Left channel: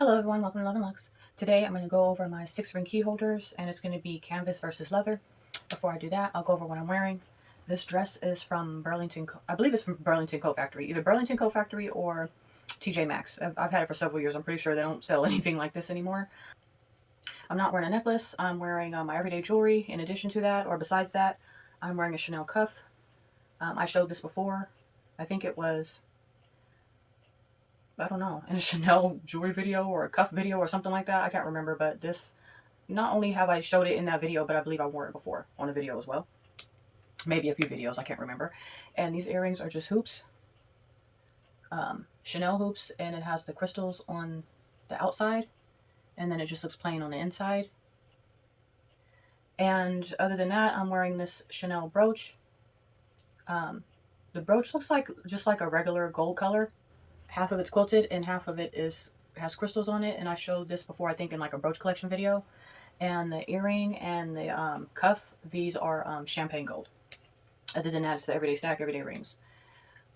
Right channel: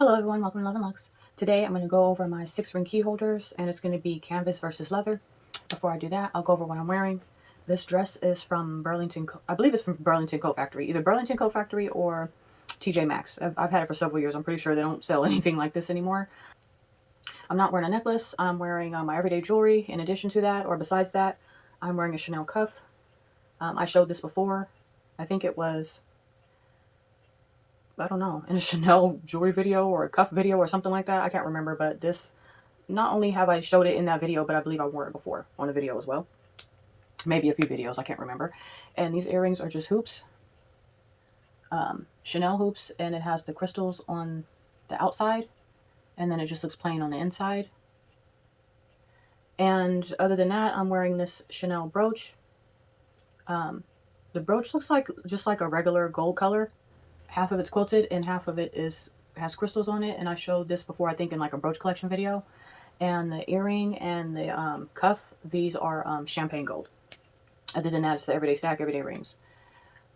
Hello everyone, welcome to Love and Lux. Today I'm going to go over my 6-ring key holders and it's going to be canvas versus leather. Before I do that, I'll go over what I'm wearing. This dress is from Burlington, I believe it's from Burlington Coat Factory, either Burlington Coat Factory or TJ Maxx. I've had it for several years. I'm pretty sure they don't sell anything like this anymore. I'm not wearing a necklace. I'm wearing my everyday jewelry. In addition to that, or besides that, I'm wearing a Chanel cuff. I showed this before. I think it was, I don't know, in a Chanel jewelry video or a cuff video or something like that. I can't remember, but this, not only have I showed it in that video, but I believe I wore it before on a video as well. Maybe a few videos, I can't remember. And these earrings are just hoops. Chanel hoops, and it has the crystals on the outside, and then it just looks plain on the inside. And other than that, I'm wearing this Chanel brooch. The brooch looks like just like a regular gold color. Half of it's quilted and half of it has crystals on it, and I showed this before, I think in like a brooch collection video. And the earring and the cuff, these are champagne gold. Other than that, it's the everyday stack, everyday rings.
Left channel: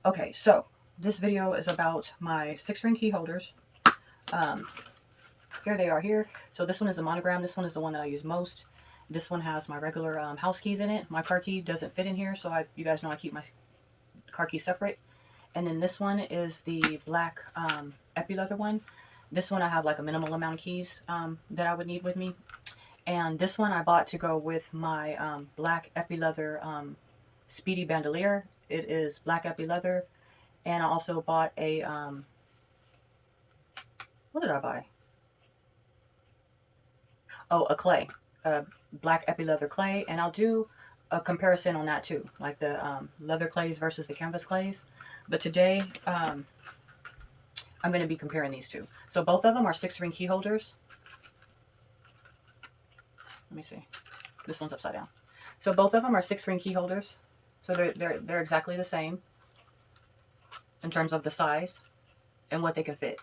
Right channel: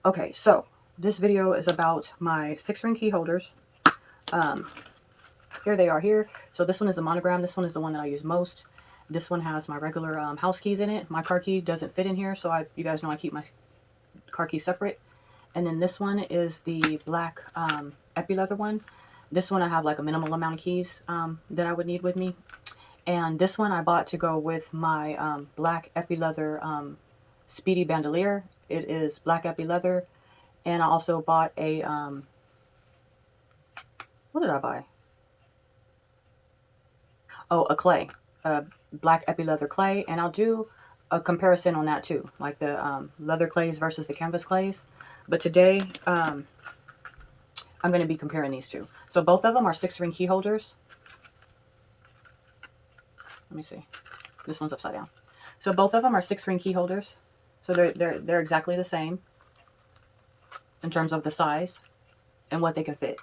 Okay, so this video is about my 6-ring key holders. Here they are here. So this one is a monogram. This one is the one that I use most. This one has my regular house keys in it. My car key doesn't fit in here, so you guys know I keep my car keys separate. And then this one is the black epi leather one. This one I have like a minimal amount of keys that I would need with me. And this one I bought to go with my black epi leather speedy bandolier. It is black epi leather. And I also bought a, what did I buy? Oh, a clay, black epi leather clay. And I'll do a comparison on that too, like the leather clays versus the canvas clays. But today, I'm going to be comparing these two. So both of them are 6-ring key holders. Let me see. This one's upside down. So both of them are 6-ring key holders. So they're exactly the same in terms of the size and what they can fit.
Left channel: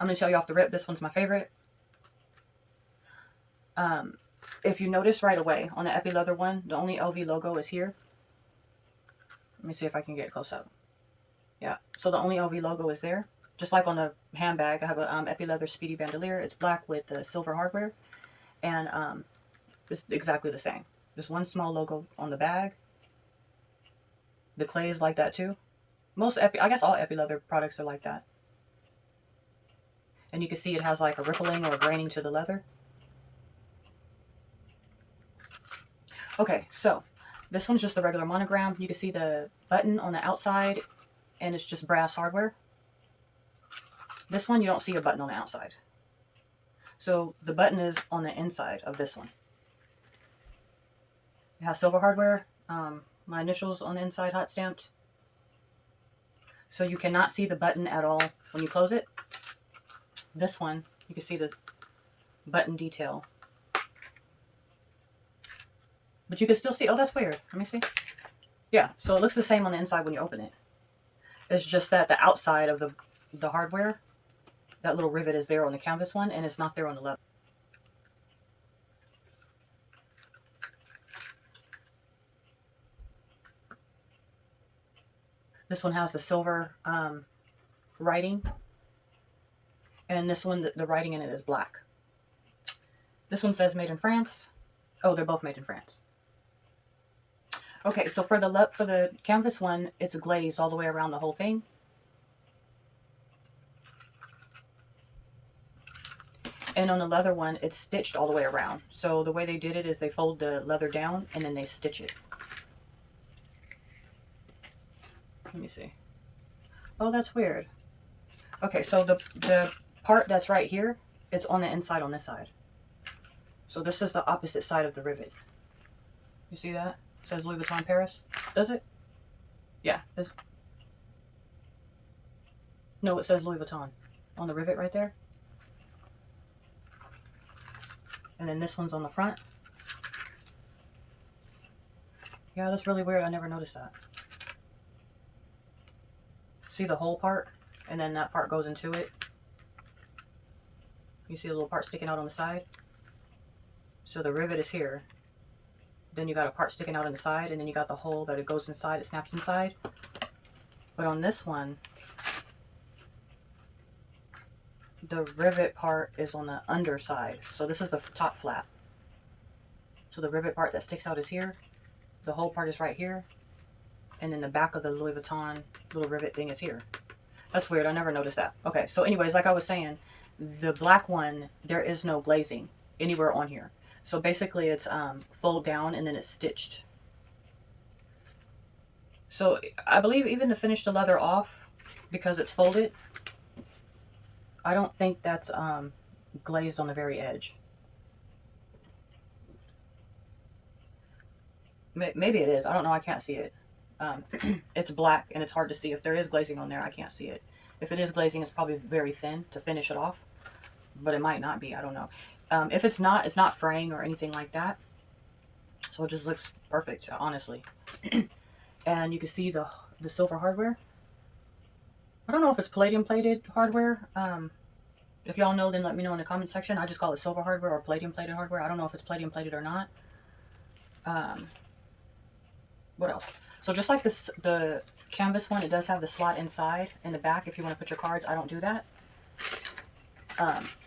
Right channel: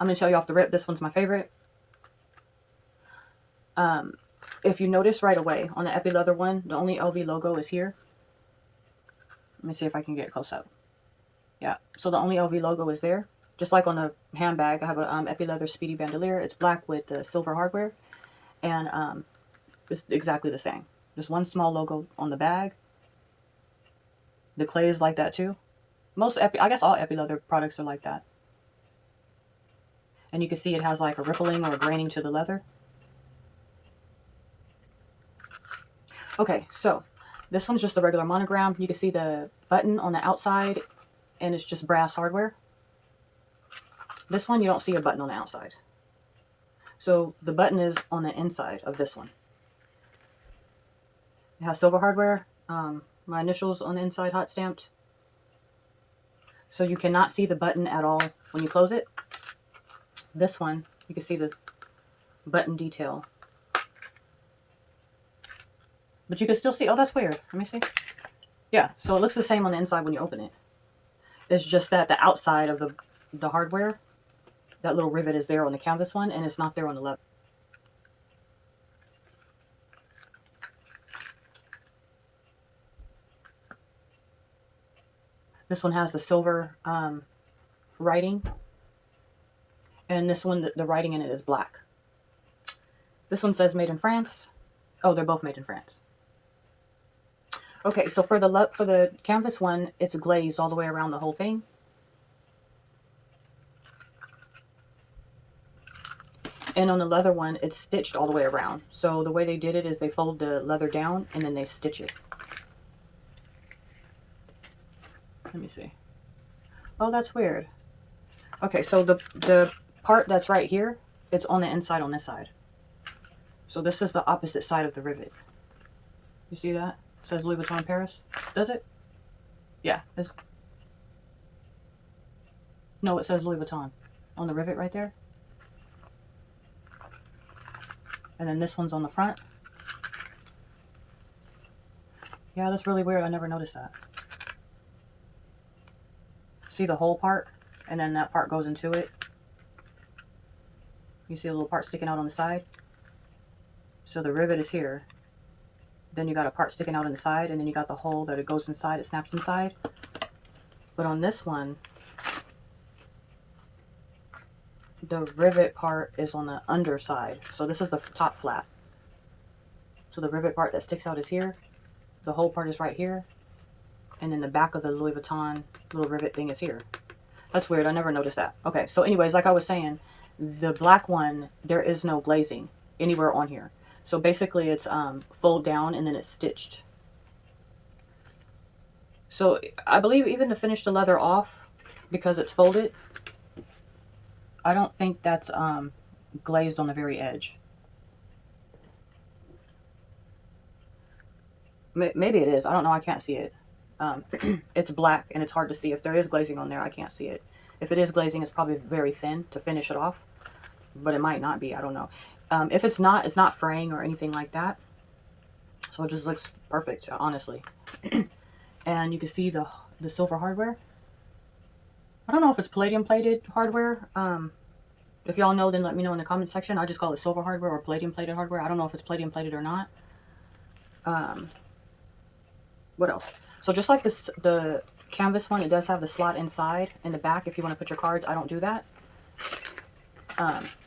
I'm going to show you off the rip. This one's my favorite. If you notice right away on the epi leather one, the only LV logo is here. Let me see if I can get it close up. Yeah, so the only LV logo is there. Just like on the handbag, I have a epi leather speedy bandolier. It's black with the silver hardware, and it's exactly the same. Just one small logo on the bag. The clay is like that too. Most epi, I guess all epi leather products are like that. And you can see it has like a rippling or graining to the leather. Okay, so this one's just a regular monogram. You can see the button on the outside, and it's just brass hardware. This one, you don't see a button on the outside. So the button is on the inside of this one. It has silver hardware, my initials on the inside, hot stamped. So you cannot see the button at all when you close it. This one, you can see the button detail. But you can still see, oh, that's weird. Let me see. Yeah, so it looks the same on the inside when you open it. It's just that the outside of the hardware, that little rivet is there on the canvas one, and it's not there on the leather. This one has the silver writing, and this one, the writing in it is black. This one says made in France. Oh, they're both made in France. Okay, so for the canvas one, it's glazed all the way around the whole thing. And on the leather one, it's stitched all the way around. So the way they did it is they fold the leather down and then they stitch it. Let me see. Oh, that's weird. Okay, so the part that's right here, it's on the inside on this side. So this is the opposite side of the rivet. You see that? It says Louis Vuitton Paris. Does it? Yeah. No, it says Louis Vuitton on the rivet right there. And then this one's on the front. Yeah, that's really weird. I never noticed that. See the whole part? And then that part goes into it. You see a little part sticking out on the side? So the rivet is here. then you got a part sticking out on the side, and then you got the hole that it goes inside, it snaps inside. But on this one, the rivet part is on the underside. So this is the top flap. So the rivet part that sticks out is here. The whole part is right here. And then the back of the Louis Vuitton little rivet thing is here. That's weird. I never noticed that. Okay, so anyways, like I was saying, the black one, there is no glazing anywhere on here. So basically it's fold down and then it's stitched. So I believe even to finish the leather off, because it's folded, I don't think that's glazed on the very edge. Maybe it is. I don't know. I can't see it. It's black and it's hard to see. If there is glazing on there, I can't see it. If it is glazing, it's probably very thin to finish it off, but it might not be. I don't know. If it's not fraying or anything like that. So it just looks perfect, honestly. And you can see the silver hardware. I don't know if it's palladium plated hardware. If y'all know, then let me know in the comment section. I just call it silver hardware or palladium plated hardware. I don't know if it's palladium plated or not. What else? So just like this, the canvas one, it does have the slot inside in the back if you want to put your cards. I don't do that.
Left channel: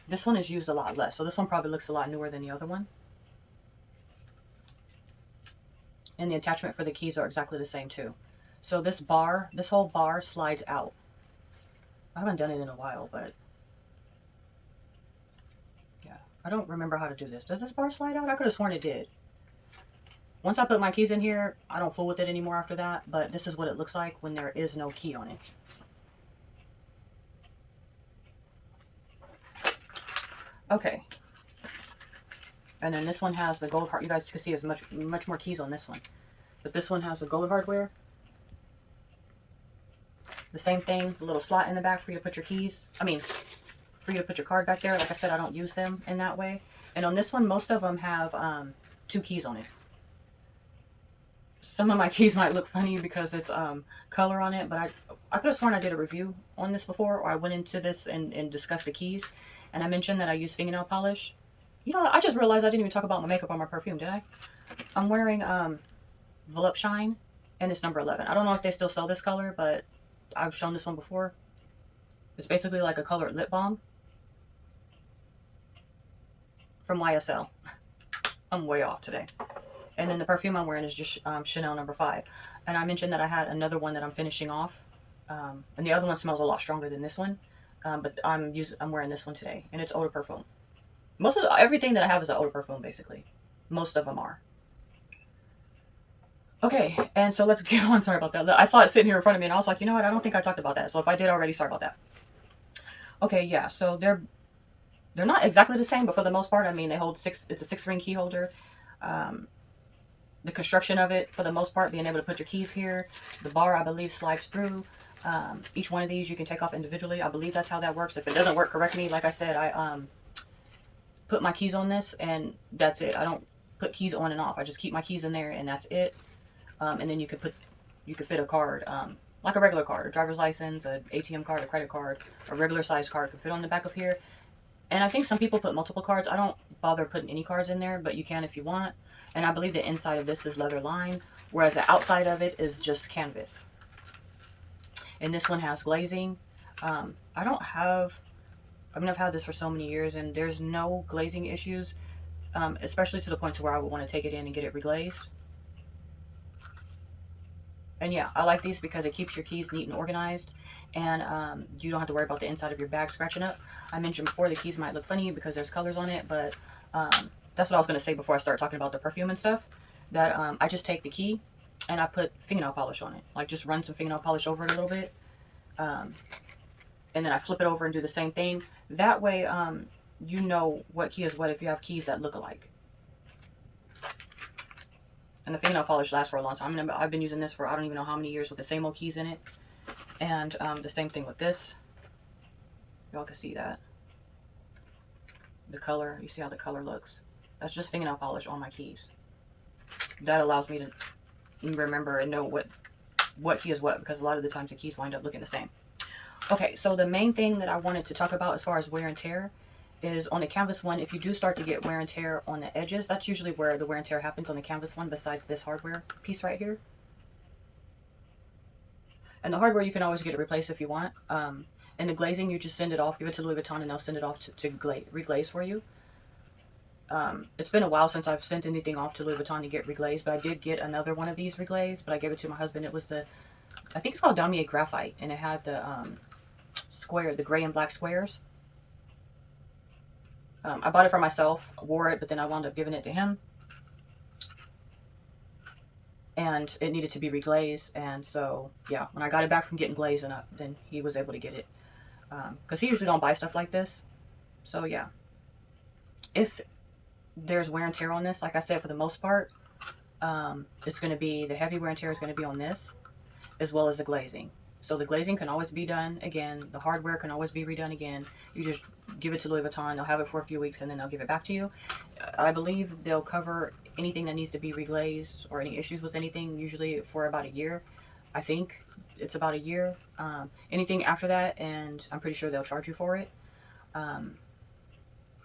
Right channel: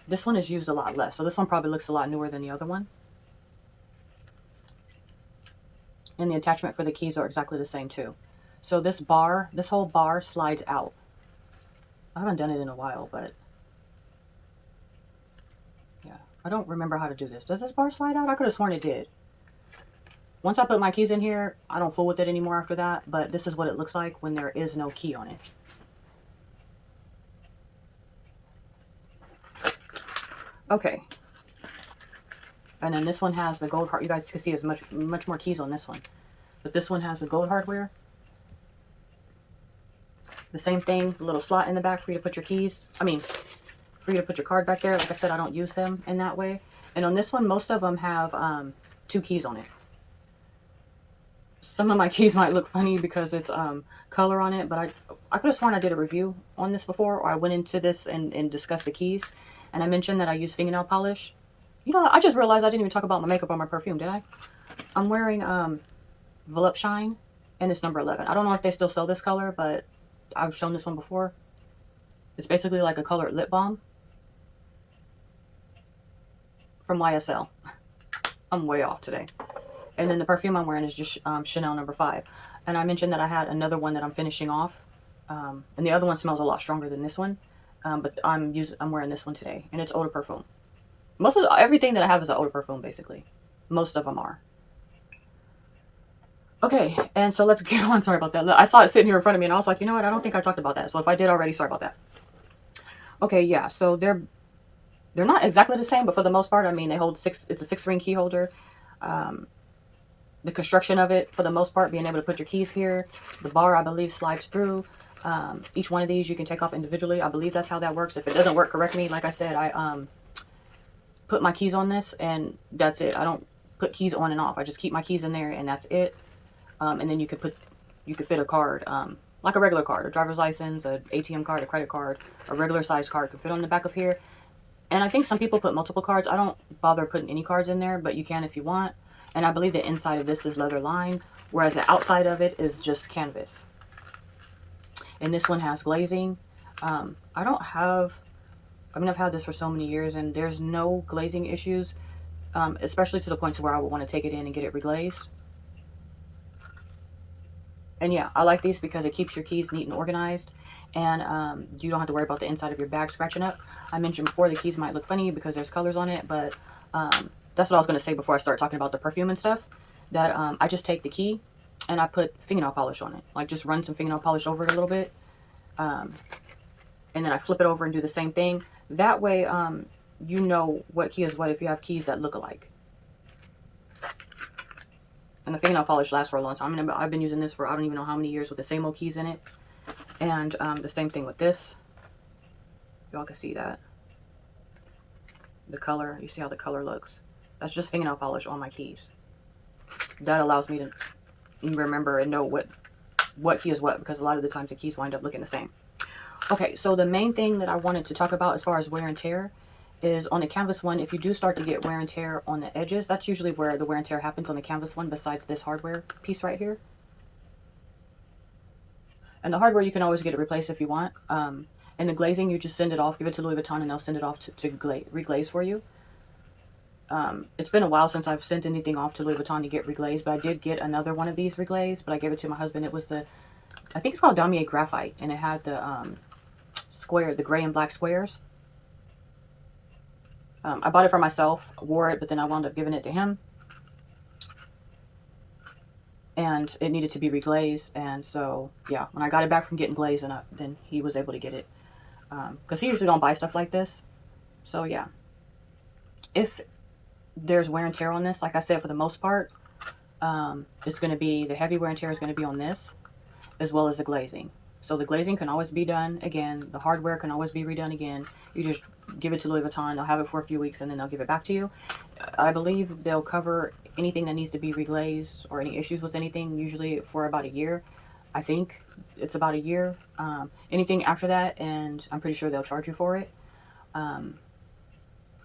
This one is used a lot less. So this one probably looks a lot newer than the other one. And the attachment for the keys are exactly the same too. So this whole bar slides out. I haven't done it in a while, but yeah, I don't remember how to do this. Does this bar slide out? I could have sworn it did. Once I put my keys in here, I don't fool with it anymore after that, but this is what it looks like when there is no key on it. Okay. And then this one has the gold hardware. You guys can see there's much more keys on this one. But this one has the gold hardware. The same thing, the little slot in the back for you to put your keys. I mean, for you to put your card back there. Like I said, I don't use them in that way. And on this one, most of them have 2 keys on it. Some of my keys might look funny because it's color on it, but I could have sworn I did a review on this before, or I went into this and discussed the keys. And I mentioned that I use fingernail polish. You know, I just realized I didn't even talk about my makeup or my perfume, did I? I'm wearing Volupshine, and it's number 11. I don't know if they still sell this color, but I've shown this one before. It's basically like a colored lip balm from YSL. I'm way off today. And then the perfume I'm wearing is just Chanel number 5. And I mentioned that I had another one that I'm finishing off. And the other one smells a lot stronger than this one. But I'm wearing this one today, and it's eau de parfum. Most of everything that I have is an eau de parfum, basically. Most of them are. Okay, and so let's get on. Sorry about that. I saw it sitting here in front of me, and I was like, you know what? I don't think I talked about that. So if I did already, sorry about that. Okay, yeah. So they're not exactly the same, but for the most part, I mean, they hold 6. It's a 6-ring key holder. The construction of it, for the most part, being able to put your keys here. The bar, I believe, slides through. Each one of these you can take off individually. I believe that's how that works. If it doesn't work, correct me. Like I said, I put my keys on this, and that's it. I don't put keys on and off. I just keep my keys in there, and that's it. And then you could fit a card, like a regular card, a driver's license, an ATM card, a credit card, a regular size card could fit on the back of here. And I think some people put multiple cards. I don't bother putting any cards in there, but you can if you want. And I believe the inside of this is leather lined, whereas the outside of it is just canvas. And this one has glazing. I've had this for so many years, and there's no glazing issues, especially to the point to where I would want to take it in and get it reglazed. And yeah, I like these because it keeps your keys neat and organized, and you don't have to worry about the inside of your bag scratching up. I mentioned before the keys might look funny because there's colors on it, but that's what I was going to say before I start talking about the perfume and stuff, that I just take the key and I put fingernail polish on it. Like, just run some fingernail polish over it a little bit. And then I flip it over and do the same thing. That way, you know what key is what if you have keys that look alike. And the fingernail polish lasts for a long time. I mean, I've been using this for I don't even know how many years with the same old keys in it. And the same thing with this. Y'all can see that. The color, you see how the color looks. That's just fingernail polish on my keys. That allows me to remember and know what key is what, because a lot of the times the keys wind up looking the same. Okay, so the main thing that I wanted to talk about as far as wear and tear is on the canvas one, if you do start to get wear and tear on the edges, that's usually where the wear and tear happens on the canvas one, besides this hardware piece right here. And the hardware, you can always get it replaced if you want. And the glazing, you just send it off, give it to Louis Vuitton, and they'll send it off to reglaze for you. It's been a while since I've sent anything off to Louis Vuitton to get reglazed, but I did get another one of these reglazed, but I gave it to my husband. It was the, I think it's called Damma Graphite, and it had the square, the gray and black squares. I bought it for myself, wore it, but then I wound up giving it to him. And it needed to be reglazed, and so, yeah, when I got it back from getting glazed, and then he was able to get it. Because he usually don't buy stuff like this. So, yeah. If there's wear and tear on this, like I said, for the most part, it's going to be, the heavy wear and tear is going to be on this, as well as the glazing. So the glazing can always be done again. The hardware can always be redone again. You just give it to Louis Vuitton. They'll have it for a few weeks, and then they'll give it back to you. I believe they'll cover anything that needs to be reglazed or any issues with anything, usually for about a year. I think it's about a year. Anything after that, and I'm pretty sure they'll charge you for it.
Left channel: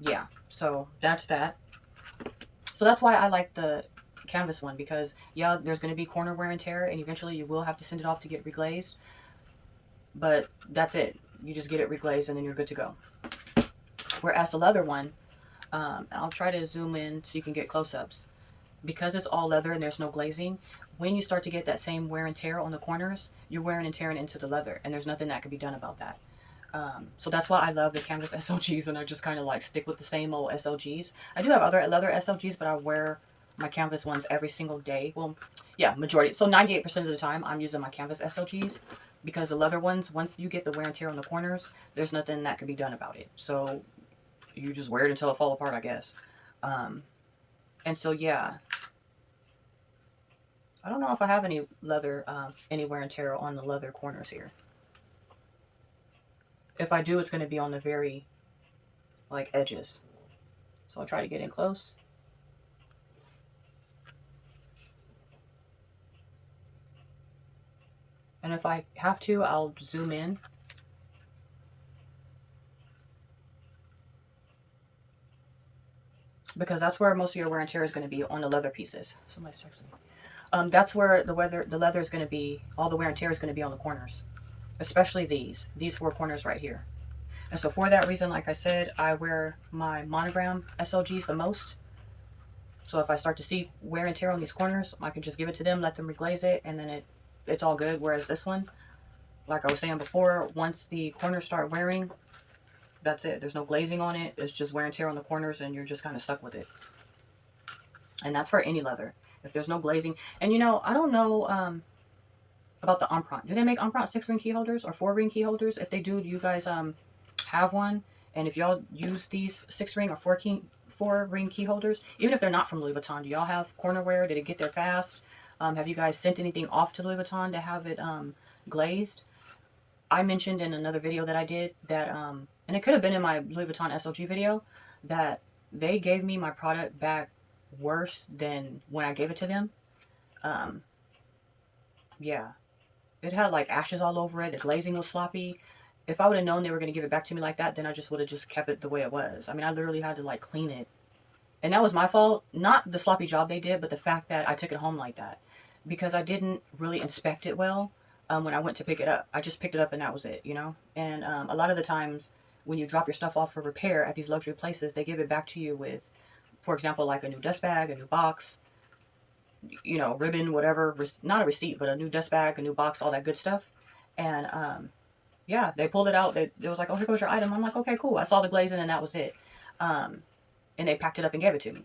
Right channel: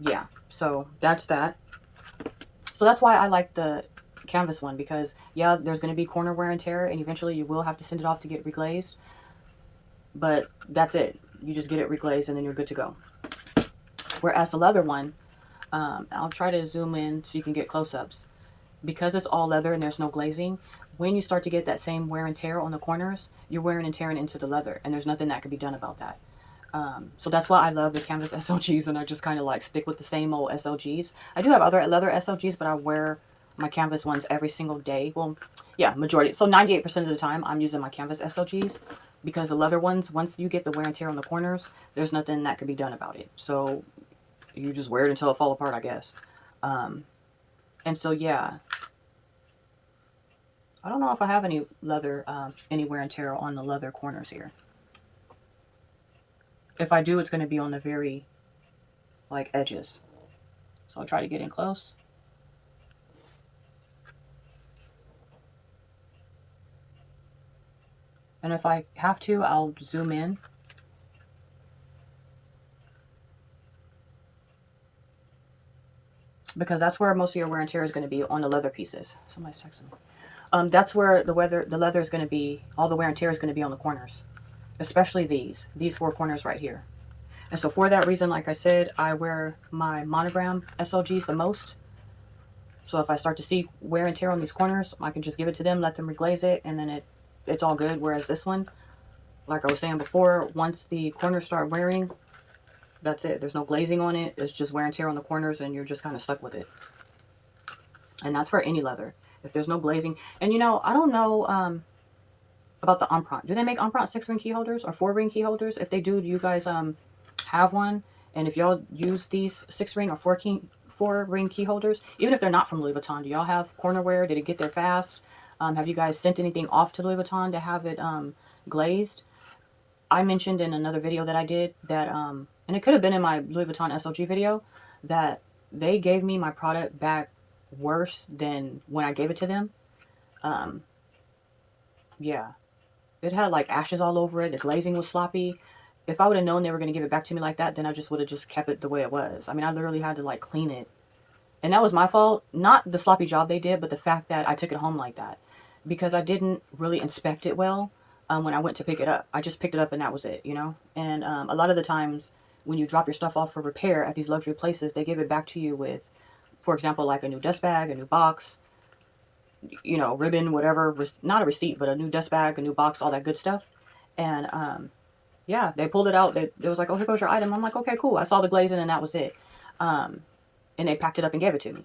Yeah, so that's that. So that's why I like the canvas one, because, yeah, there's going to be corner wear and tear, and eventually you will have to send it off to get reglazed. But that's it. You just get it reglazed, and then you're good to go. Whereas the leather one, I'll try to zoom in so you can get close-ups. Because it's all leather and there's no glazing, when you start to get that same wear and tear on the corners, you're wearing and tearing into the leather, and there's nothing that can be done about that. So that's why I love the canvas SLGs, and I just kind of like stick with the same old SLGs. I do have other leather SLGs, but I wear my canvas ones every single day. Well, yeah, majority. So 98% of the time, I'm using my canvas SLGs, because the leather ones, once you get the wear and tear on the corners, there's nothing that can be done about it. So you just wear it until it falls apart, I guess. And so, yeah. I don't know if I have any leather, any wear and tear on the leather corners here. If I do, it's going to be on the very, like, edges. So I'll try to get in close. And if I have to, I'll zoom in. Because that's where most of your wear and tear is going to be, on the leather pieces. Somebody's texting me. That's where the leather is going to be, all the wear and tear is going to be on the corners. Especially these four corners right here. And so for that reason, like I said, I wear my monogram SLGs the most. So if I start to see wear and tear on these corners, I can just give it to them, let them reglaze it, and then it's all good. Whereas this one, like I was saying before, once the corners start wearing, that's it. There's no glazing on it. It's just wear and tear on the corners, and you're just kind of stuck with it. And that's for any leather. If there's no glazing. And, you know, I don't know about the Empreinte. Do they make Empreinte 6-ring key holders or 4-ring key holders? If they do you guys have one? And if y'all use these 6-ring or 4-ring key holders, even if they're not from Louis Vuitton, do y'all have corner wear? Did it get there fast? Have you guys sent anything off to Louis Vuitton to have it glazed? I mentioned in another video that I did that, and it could have been in my Louis Vuitton SLG video, that they gave me my product back worse than when I gave it to them. Yeah. It had like ashes all over it. The glazing was sloppy. If I would have known they were going to give it back to me like that, then I just would have just kept it the way it was. I mean, I literally had to like clean it. And that was my fault. Not the sloppy job they did, but the fact that I took it home like that. Because I didn't really inspect it well when I went to pick it up. I just picked it up and that was it, you know? And a lot of the times when you drop your stuff off for repair at these luxury places, they give it back to you with, for example, like a new dust bag, a new box, you know, ribbon, whatever. Not a receipt, but a new dust bag, a new box, all that good stuff. And yeah, they pulled it out. They was like, oh, here goes your item. I'm like, okay, cool. I saw the glazing and that was it. And they packed it up and gave it to me.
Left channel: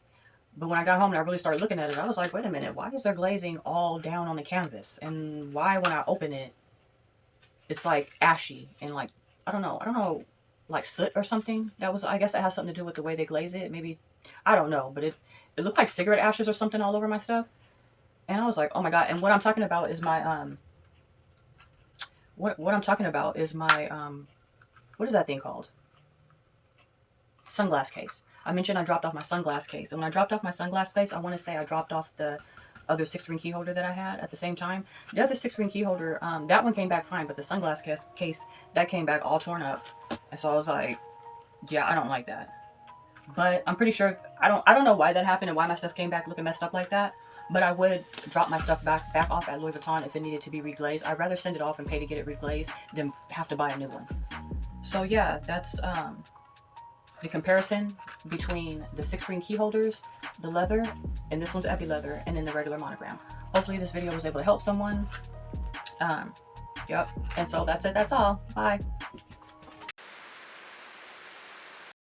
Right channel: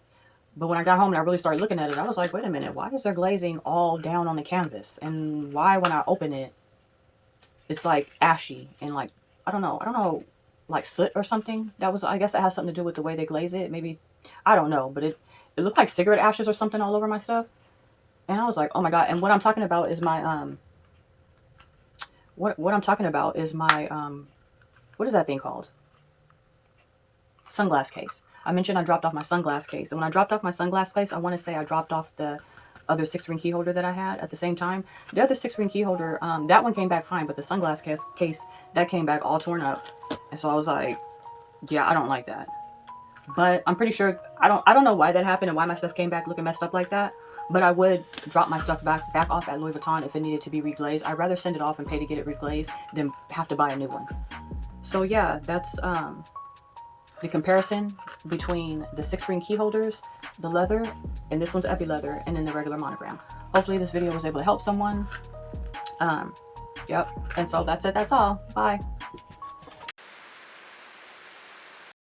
But when I got home and I really started looking at it, I was like, wait a minute, why is there glazing all down on the canvas? And why when I open it, it's like ashy and like, I don't know, like soot or something. That was, I guess that has something to do with the way they glaze it. Maybe, I don't know, but it looked like cigarette ashes or something all over my stuff. And I was like, oh my God. And what I'm talking about is my, what I'm talking about is my, what is that thing called? Sunglass case. I mentioned I dropped off my sunglass case. And when I dropped off my sunglass case, I want to say I dropped off the other 6-ring key holder that I had at the same time. The other 6-ring key holder, that one came back fine, but the sunglass case, that came back all torn up. And so I was like, yeah, I don't like that. But I'm pretty sure, I don't know why that happened and why my stuff came back looking messed up like that. But I would drop my stuff back off at Louis Vuitton if it needed to be reglazed. I'd rather send it off and pay to get it reglazed than have to buy a new one. So yeah, that's the comparison between the 6-ring key holders, the leather, and this one's epi leather, and then the regular monogram. Hopefully this video was able to help someone. Yep. And so that's it. That's all. Bye.